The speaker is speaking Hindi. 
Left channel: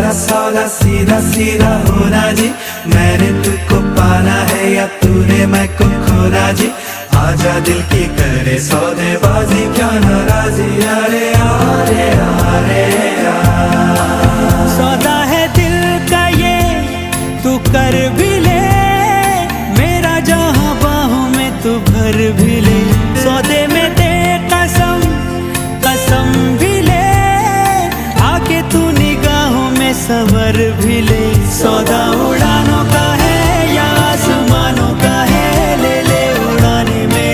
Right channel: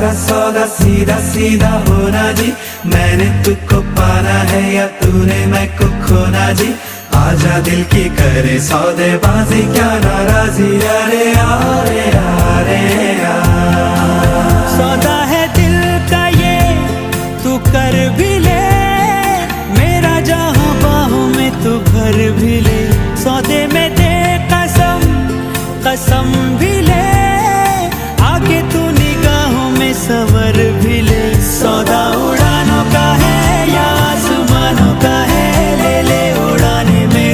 सारा सौदा सीधा सीधा होना जी, मैंने तुझको पाना है या तूने मैं को खोना जी, आजा दिल की करे सौदेबाजी क्या नाराजी, अरे अरे अरे सौदा है दिल का ये तू कर भी ले, मेरा जहां बाहों में तू भर भी ले, सौदे में दे कसम कसम भी ले, आके तू निगाहों में सवर भी ले, सौदा उड़ानों का